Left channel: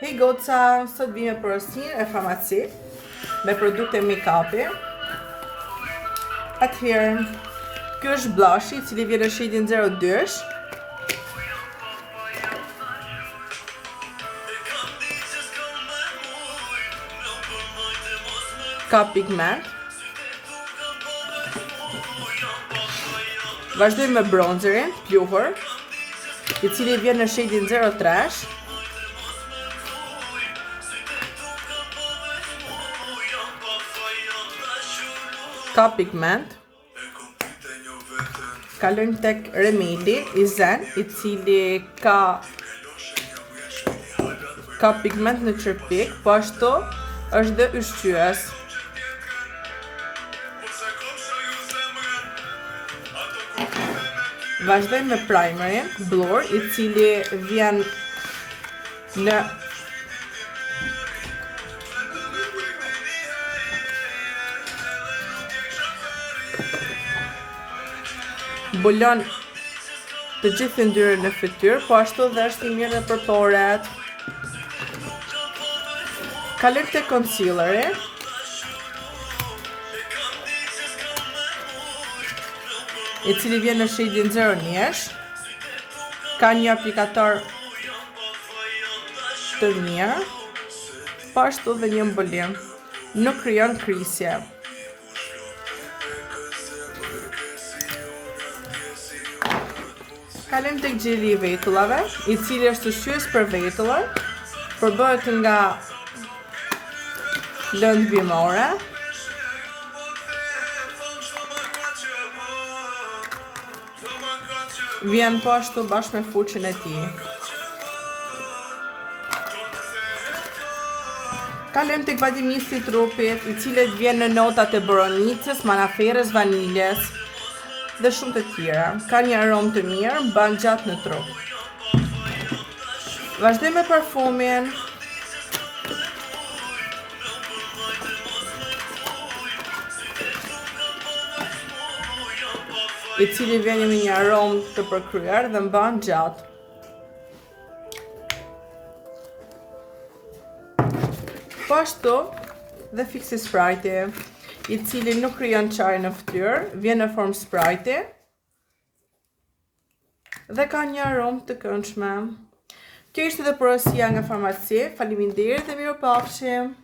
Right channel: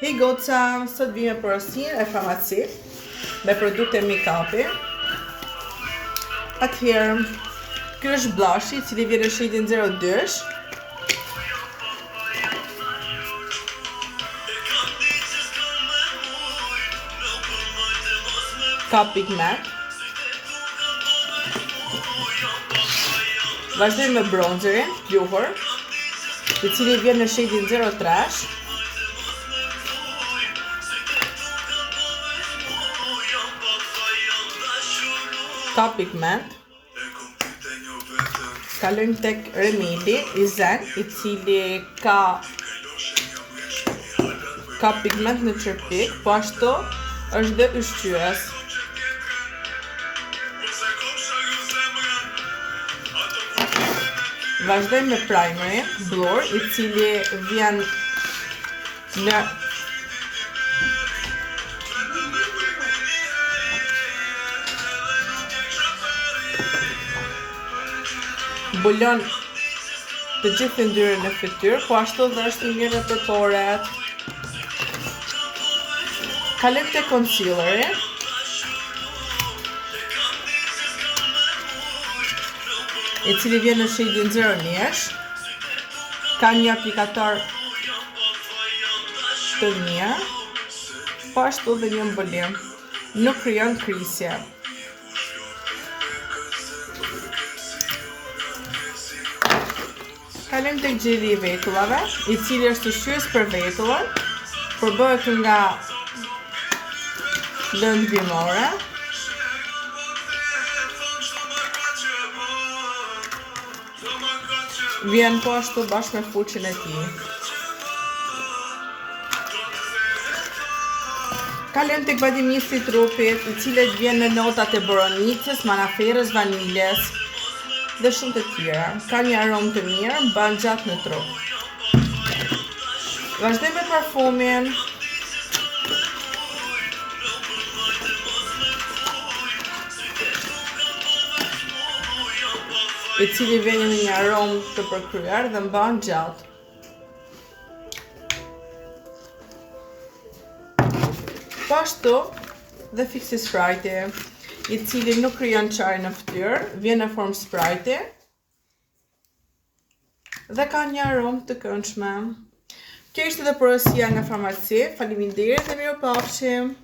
Hey goca, sot vime porosin e farmaci me produkte make-upi. Atëherë, ky është blashi, i cili vjen në shadin 02. Ka pigment. Vazhdojmë me bronzerin, pluhur, i cili vjen në shadin 03. Ka pigment. Kalojmë tek Remedy i zen, i cili ka pigment në tërpik, po ashtu është dhe ushqyes. Vazhdojmë me primerin, Blur, i cili vjen në mbulon të gjithë yndyrën në fytyrë, po ashtu dhe është i mirë për poret. Kalojmë te concealeri, i cili vjen në shadin 01. Ka një aplikator të mirë, po ashtu dhe një mbulim. Nuk krijon krisje. Kalojmë tek gjeli i vetullave, i cili është ushqyes për vetullat, përbëhet nga lëndë bimore. Vjen po ashtu bashkë me fuqin e tij. Kalojmë tek badimisi i trupit, i cili vjen në notat e boronicës, manaferës, vaniljes dhe shumë të tjera. Ka një aromë të mirë, mban gjatë në trup. Vazhdojmë me parfumin. I cili vjen me një aromë të përkryer dhe mban gjatë. Po ashtu dhe Fixi Sprite, i cili nuk krijon çare në fytyrë, vjen në formë Sprite dhe ka një aromë të këndshme. Kjo ishte dhe porosia nga farmaci. Faleminderit dhe mirupafshim.